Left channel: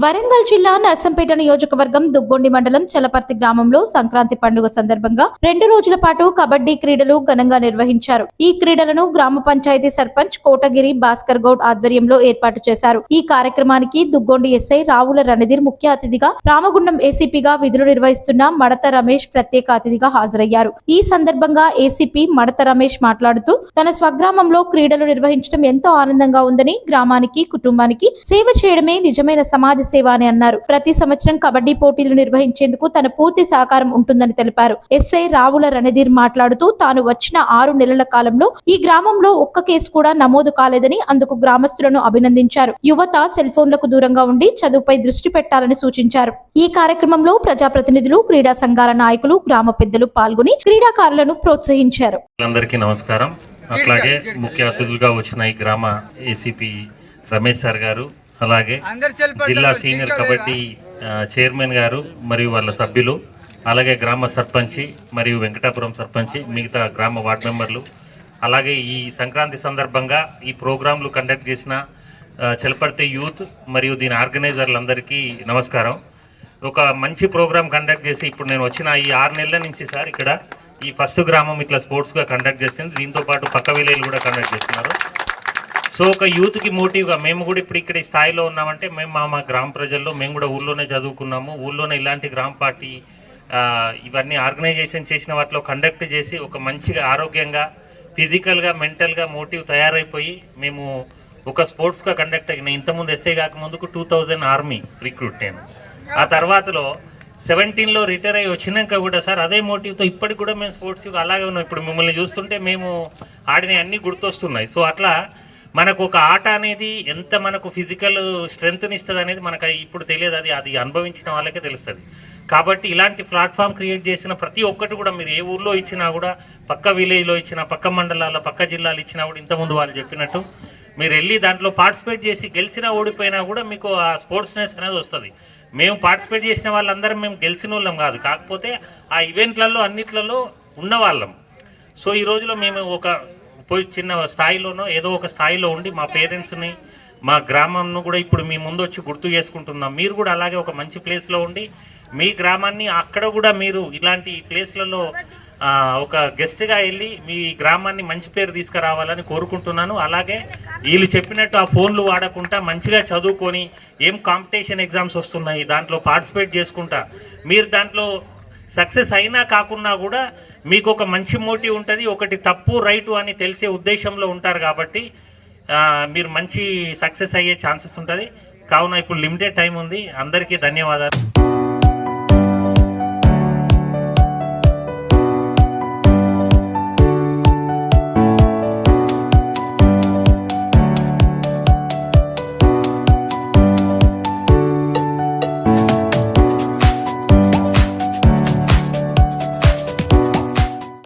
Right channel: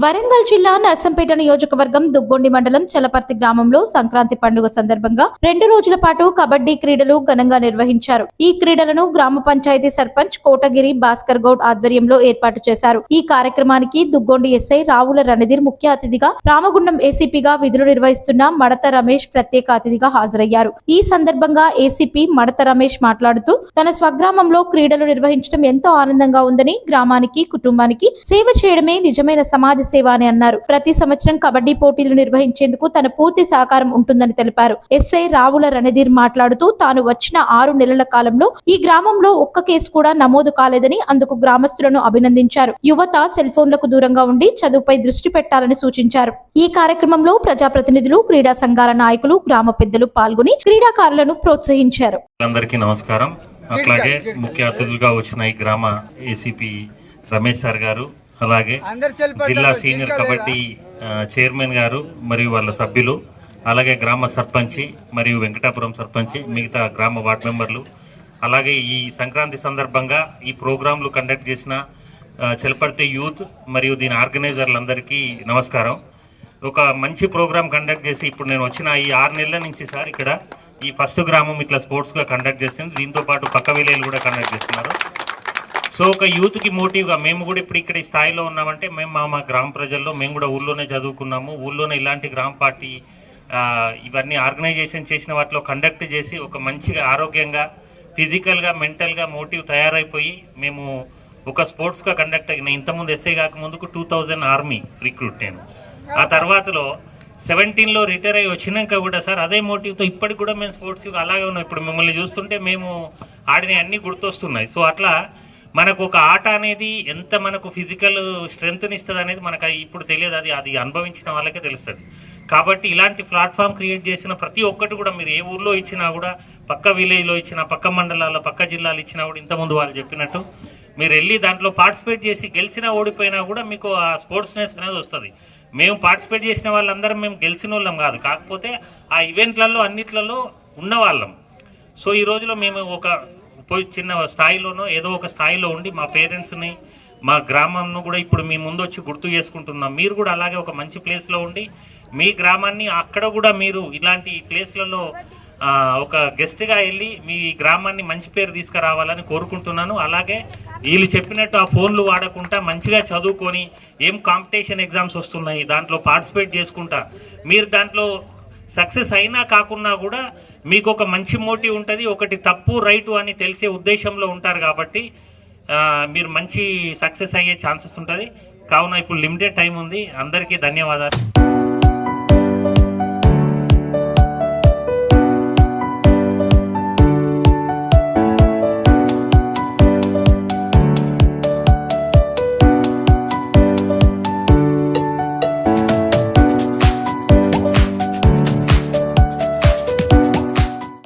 వరంగల్ జిల్లా నర్సంపేట నియోజకవర్గం దుగ్గొండి మండలం చలపర్తి గ్రామంలో సంక్రాంతి పండుగ సందర్భంగా 2 రోజుల పాటు కబడ్డీ క్రీడలు ఘనంగా నిర్వహించారు. ఈ క్రీడలను గ్రామ పంచాయతీ సర్పంచ్ కోటగిరి భాస్కర్ గౌడ్ ఆధ్వర్యంలో ఏర్పాటు చేశారు. ఈ కార్యక్రమానికి దుగ్గొండి ఎస్ఐ రావుల రణధీర్ ముఖ్య అతిథిగా, రామగుండం ఏసీపీగా విధులు నిర్వహిస్తున్న మడత రమేష్ ప్రత్యేక అతిథిగా హాజరయ్యారు. ఈ సందర్భంగా ఏసీపీ మడత రమేష్ మాట్లాడుతూ తన స్వగ్రామంలో క్రీడలు నిర్వహించడం ఎంతో ఆనందంగా ఉందని, గ్రామానికి కుటుంబానికి సేవ చేయడమే నిజమైన సమాజ సేవ అని అన్నారు. ప్రతి సంవత్సరం కబడ్డీ పోటీలు నిర్వహించేందుకు తన పూర్తి సహకారం ఉంటుందని తెలిపారు. ఎస్ఐ రావుల రణధీర్ మాట్లాడుతూ తాను వచ్చిన 6 నెలల కాలంలో ఈ గ్రామంలో ఒక్క కేసు కూడా నమోదు కాలేదని, అందుకు గ్రామస్తులను అభినందించారు. యువత సెల్ ఫోన్లకు దూరంగా ఉండి చదువుపై దృష్టి పెట్టాలని సూచించారు. ఈ కార్యక్రమంలో ప్రజాప్రతినిధులు, క్రీడా సంఘాల నాయకులు, గ్రామ పెద్దలు పాల్గొని క్రీడాకారులను ప్రోత్సహించారు. అందరికీ నమస్కారం. అట్లాగే ముఖ్య అతిథులుగా వచ్చిన ఈ గ్రామ ఏసీపీ రమేష్ సార్ గారు, అలాగే జిల్లా సీనియర్ కబడ్డీ చైర్మన్ గారు మరియు వాళ్ళ సభ్యులు, అలాగే గ్రామ సర్పంచి మరియు వెంకటాపురం సర్పంచి, మిగతా గ్రామ వార్డు మెంబర్లు, అలాగే ఈ సంక్రాంతి సందర్భంగా ఈ ప్రోగ్రాంలు కండక్ట్ చేసిన చలపర్తి యూత్ మరియు దీని ఆర్గనైజర్లందరికీ నమస్కారం. ఒక మంచి ప్రోగ్రాం కండక్ట్ చేసి ఇప్పుడు నేను వచ్చిన ఈ 6 నెలల నుంచి సార్ ఇక్కడ ఈ ఫస్ట్ గ్రామం ఇట్లా స్పోర్ట్స్గా కండక్ట్ చేస్తుంది. దీంతో పాటు పక్క విలేజ్లు కూడా కండక్ట్ చేస్తున్నారు. సో ఒక యూత్కి మోటివ్గా మేము కూడా ఇప్పుడు ఇక్కడ ఈ స్థాయిలో ఉన్నామంటే మేము మా గ్రామ ప్రజల్లో మేము కూడా ఊళ్ళోనే చదువుకున్నాము. ఊళ్ళోనే ఇలాంటి గ్రామ పార్టీ ఇవన్నీ ఆర్గనైజేషన్ చేసిన వాటిలో కండక్ట్ చేసి ఒక మంచిగా ఆరోగ్యంగా, ఫిజికల్గా, మెంటల్గా మోటివ్ తయారైపోయి మేము ఒక స్పోర్ట్స్గా కండక్ట్ అయిన ఇంతకుముందు ఎస్ఐ కాకముందుకు 2000 ఆర్మీ రిక్రూట్ నేను. ఆ తర్వాతలో 17లో రిటైర్ అయ్యి వచ్చినాక కూడా సార్ అదే మోటివ్తో ఇప్పటికి కూడా మేము స్పోర్ట్స్ అలాగే ఉన్నాం. ఇప్పుడు మిమ్మల్ని చూస్తుంటే మేము ఆడిన అన్నీ గుర్తొస్తున్నాయి. సో అట్లా మనకు ఒక ఆట అనేది ఎంత మనకు ఫిజికల్ స్ట్రెంగ్త్ని ఇస్తుంది అనేది మనకు ఇప్పుడు తెలియదు. అది అనుభవించిన వాళ్ళకే తెలుస్తుంది. కాబట్టి ఇలాంటి ప్లాట్ఫామ్ క్రియేట్ చేసిన ప్రతి ఒక్కటి కూడా మీరు ఏ ఊర్లో ఇచ్చినా కూడా, పక్క విలేజ్లో ఇచ్చినా, పక్క మండలాల్లో, పక్క జిల్లాలు ఇచ్చినా కూడా ఇంతకుముందు వాళ్ళు చెప్పినట్టు మీరు వెళ్ళి దాంట్లో పార్టిసిపేట్ చేసి గెలిచినా ఓడిపోయినా కూడా మీకు ఆ స్పోర్ట్స్నెస్ అనేది వస్తుంది. మేము పార్టిసిపేట్ చేసిన వాళ్ళందరం మేము గెలిచిన వాళ్ళం కాదు, కాకపోతే ఆ ఈవెంట్లలో అన్నిట్లలో ఉన్నవాళ్ళం. సో ఈ రోజులో మేము ఒక చిన్న స్థాయిలోనో ఏదో ఒక స్థాయిలో ఉండి మా పేరెంట్స్ని, మా గ్రామాన్ని కూడా ఇప్పుడు మీ ముందు వచ్చి గుర్తు చేసుకుంటున్నాం. మీరు కూడా అలాగే ఒక మంచి ప్లేస్లో ఉండి మీ గ్రామాన్ని అక్కడ కూడా మీరు ఇలాంటి ప్లేస్లలో ఒక గెస్ట్గా వెళ్ళి మీ గ్రామాన్ని మంచి పేరు తీసుకురావాలని కోరుకుంటున్నాను. అలాగే వీళ్ళు చెప్పినట్టు ఆ ఫోన్లు వాడకుండా మంచిగా చదువుకొని ఏం కాంపిటీషన్ ఎగ్జామ్స్ వస్తున్నాయి దాంట్లో పార్టిసిపేట్ చేసుకుంటా మీరు దాంట్లో సక్సెస్ అయినా కాకున్నా కూడా మీకు ఒక మంచి మోటివ్ ఉంటుంది. ఒకటి తప్పు రైటు అని తెలిసే ఉద్దేశంలో ఉంటారు కాబట్టి మీరు మంచి సక్సెస్ అయ్యే ఛాన్సెస్ ఉంటుంది. కావున ఇప్పుడు లిమిటెడ్ టైం ఉంది. అందరికీ ధన్యవాదాలు.